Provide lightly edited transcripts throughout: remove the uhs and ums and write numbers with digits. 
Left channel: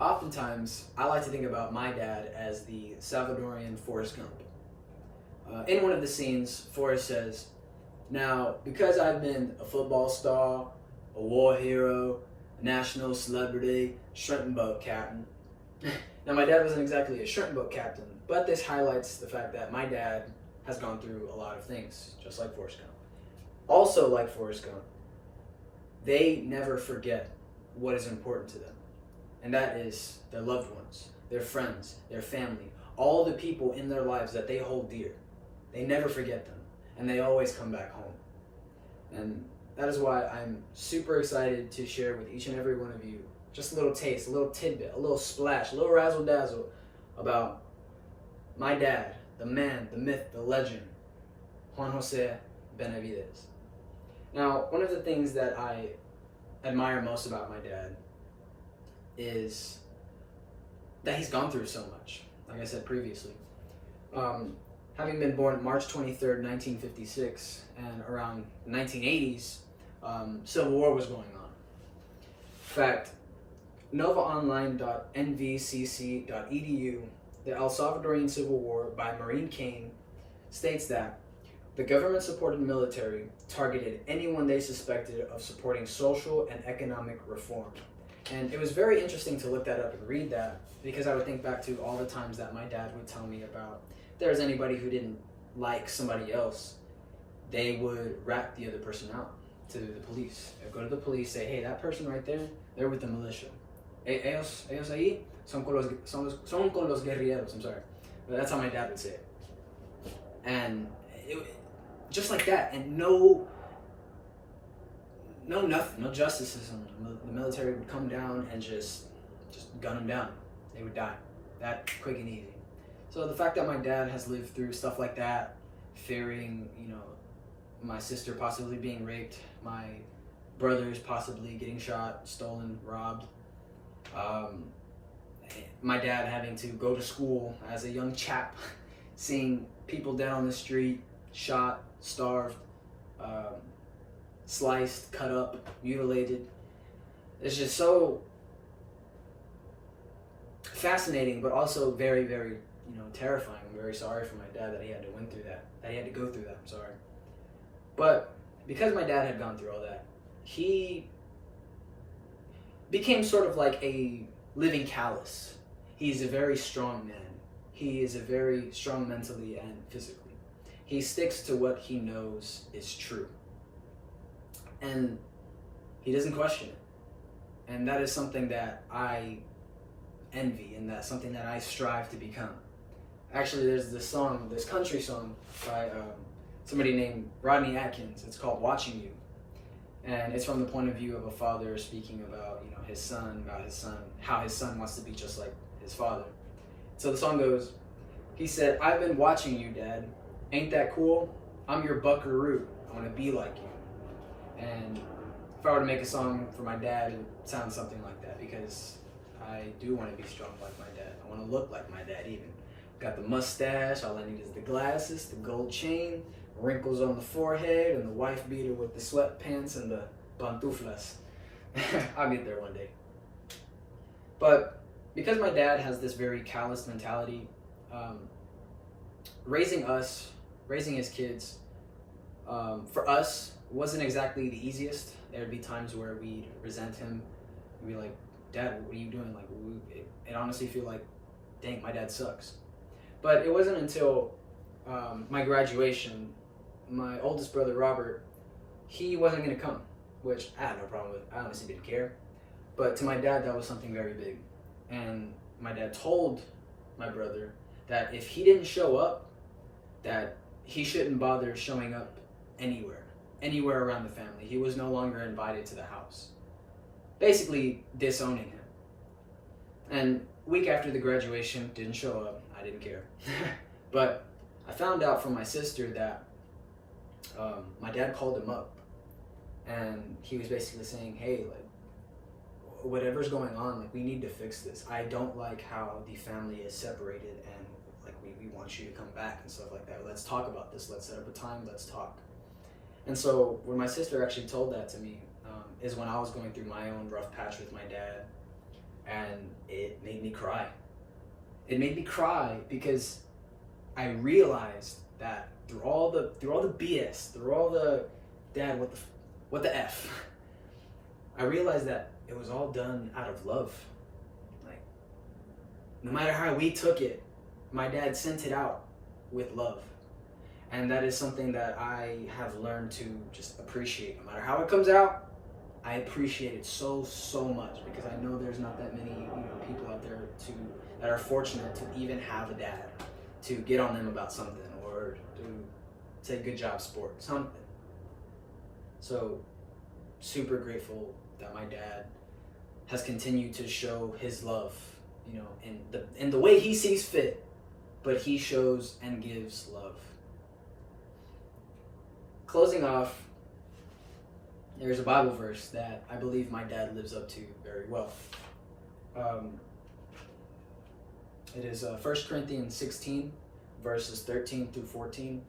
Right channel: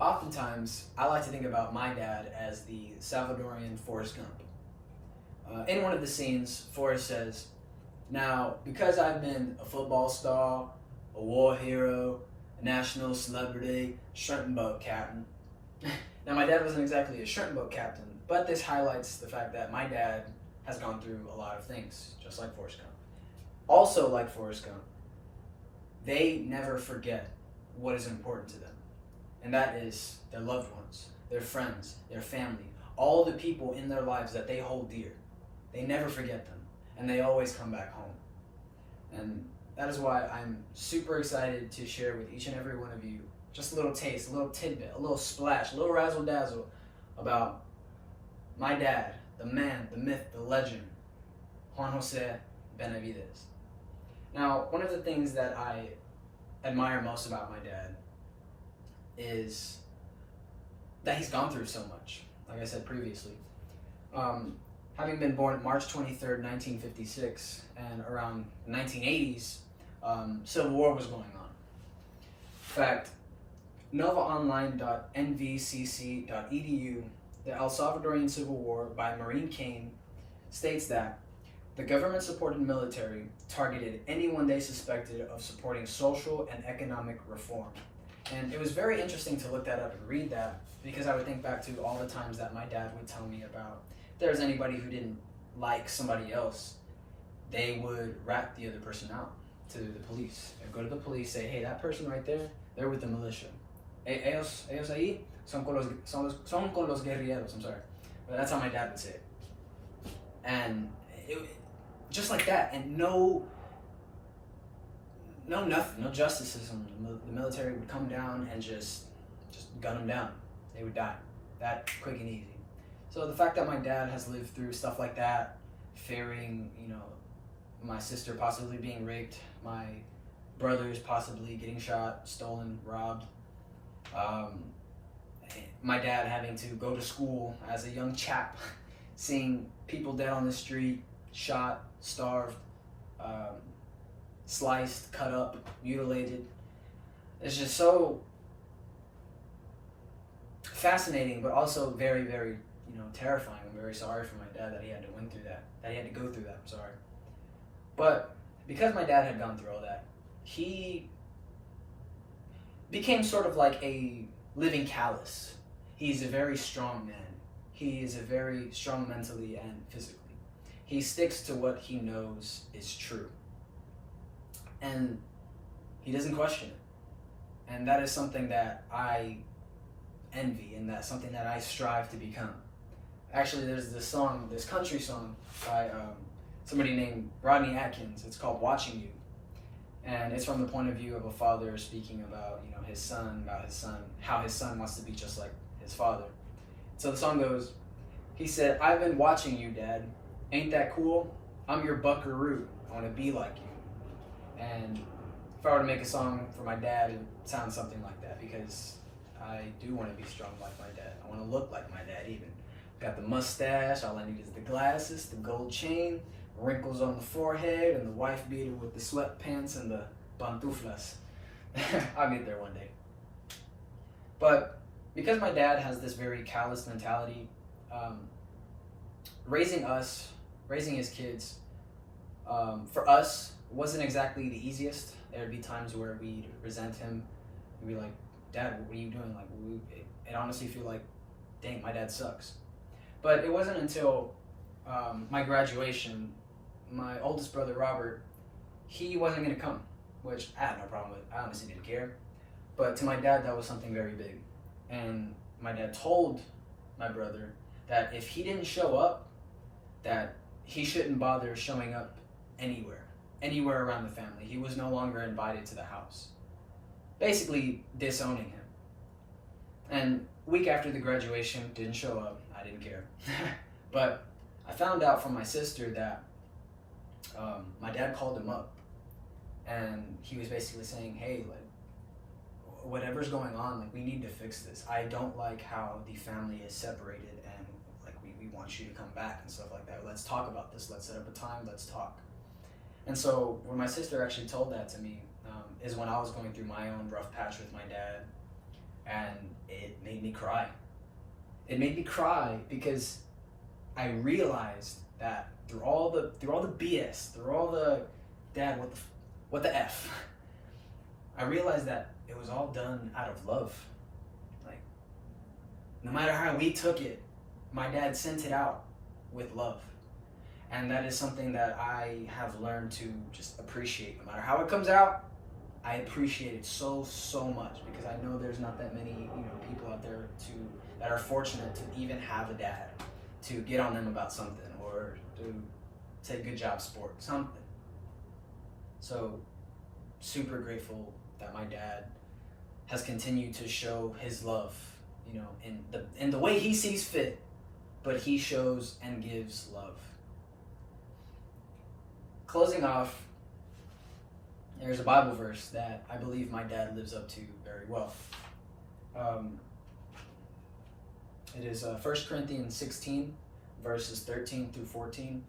Oftentimes, I like to think about my dad as the Salvadorian Forrest Gump. In one of the scenes, Forrest says, "Now, because I've been a football star, a war hero, a national celebrity, shrimp and boat captain." Now, my dad wasn't exactly a shrimp boat captain, but this highlights the fact that my dad has gone through a lot of things, just like Forrest Gump. Also, like Forrest Gump, they never forget what is important to them, and that is their loved ones, their friends, their family, all the people in their lives that they hold dear. They never forget them, and they always come back home. And that is why I'm super excited to share with each and every one of you just a little taste, a little tidbit, a little splash, a little razzle dazzle about my dad, the man, the myth, the legend, Juan Jose Benavides. Now, one of the things that I admire most about my dad is that he's gone through so much, like I said previously. Having been born March 23rd, 1956, and around 1980s, Civil War was going on. In fact, novaonline.nvcc.edu, The El Salvadorian Civil War by Maureen Kane, states that the government-supported military targeted anyone they suspected of supporting social and economic reform. And it was very interesting to look that up and read that, because I would think back to all the times that my dad would tell me about if there was anybody who didn't like somebody else, they would rat the other person out to the police. They'd go to the police, say, "Hey, that person right there, they're with the militia. Ellos ahí son con los guerrilleros." I'm sorry. But that's how my dad would say it. And just like that, and no nothing, no justice system. The military would come down and just gun them down. They would die. That quick and easy. So the fact that my dad has lived through stuff like that, fearing, my sister possibly being raped, my brothers possibly getting shot, stolen, robbed, my dad having to go to school as a young chap, seeing people dead on the street, shot, starved, sliced, cut up, mutilated. It's just so fascinating, but also very, very, terrifying. I'm very sorry for my dad that he had to go through that. I'm sorry. But because my dad had gone through all that, he became sort of like a living callus. He's a very strong man. He is a very strong mentally and physically. He sticks to what he knows is true. And he doesn't question it. And that is something that I envy, and that's something that I strive to become. Actually, there's this country song by somebody named Rodney Atkins. It's called "Watching You." And it's from the point of view of a father speaking about, his son, how his son wants to be just like his father. So the song goes, he said, "I've been watching you, Dad. Ain't that cool? I'm your buckaroo. I want to be like you." And if I were to make a song for my dad, it would sound something like that, because I do want to be strong like my dad. I want to look like my dad even. Got the mustache, all I need is the glasses, the gold chain, wrinkles on the forehead, and the wife beater with the sweatpants and the pantuflas. I'll get there one day. But because my dad has this very callous mentality, raising his kids, for us, wasn't exactly the easiest. There would be times where we'd resent him. We'd be like, "Dad, what are you doing?" Like, it honestly feel like, dang, my dad sucks. But it wasn't until my graduation, my oldest brother, Robert, he wasn't going to come, which I had no problem with. I honestly didn't care. But to my dad, that was something very big. And my dad told my brother that if he didn't show up, that he shouldn't bother showing up anywhere around the family. He was no longer invited to the house. Basically disowning him. And week after the graduation, didn't show up. I didn't care. But I found out from my sister that my dad called him up, and he was basically saying, "Hey, like, whatever's going on, like, we need to fix this. I don't like how the family is separated, and like we want you to come back and stuff like that. Let's talk about this. Let's set up a time. Let's talk." And so when my sister actually told that to me, is when I was going through my own rough patch with my dad, and it made me cry. It made me cry because I realized that through all the BS, through all the dad, what the F, I realized that it was all done out of love. Like, no matter how we took it, my dad sent it out with love. And that is something that I have learned to just appreciate. No matter how it comes out, I appreciate it so much, because I know there's not that many, people out there that are fortunate to even have a dad to get on them about something, or to say good job sport, something. So super grateful that my dad has continued to show his love, in the way he sees fit, but he shows and gives love. Closing off, there's a Bible verse that I believe my dad lives up to very well. It is 1 Corinthians 16, verses 13 through 14,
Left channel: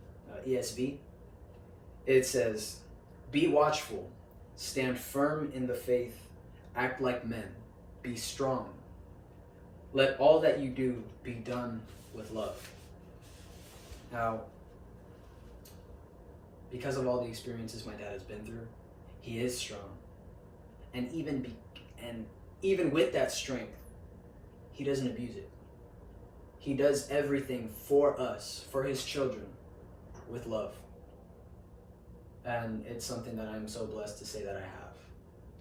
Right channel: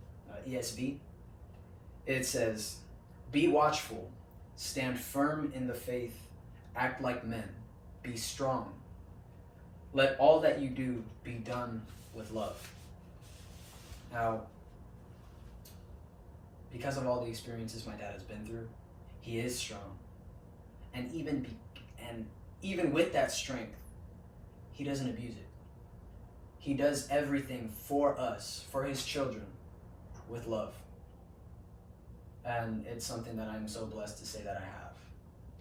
ESV. It says, "Be watchful, stand firm in the faith, act like men, be strong. Let all that you do be done with love." Now, because of all the experiences my dad has been through, he is strong. And even with that strength, he doesn't abuse it. He does everything for us, for his children, with love. And it's something that I'm so blessed to say that I have.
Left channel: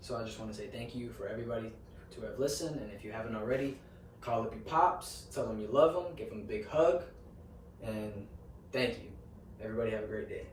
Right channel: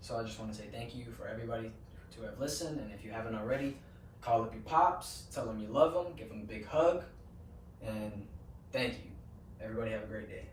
So I just want to say thank you for everybody to have listened. And if you haven't already, call up your pops, tell them you love them, give them a big hug, and thank you. Everybody have a great day.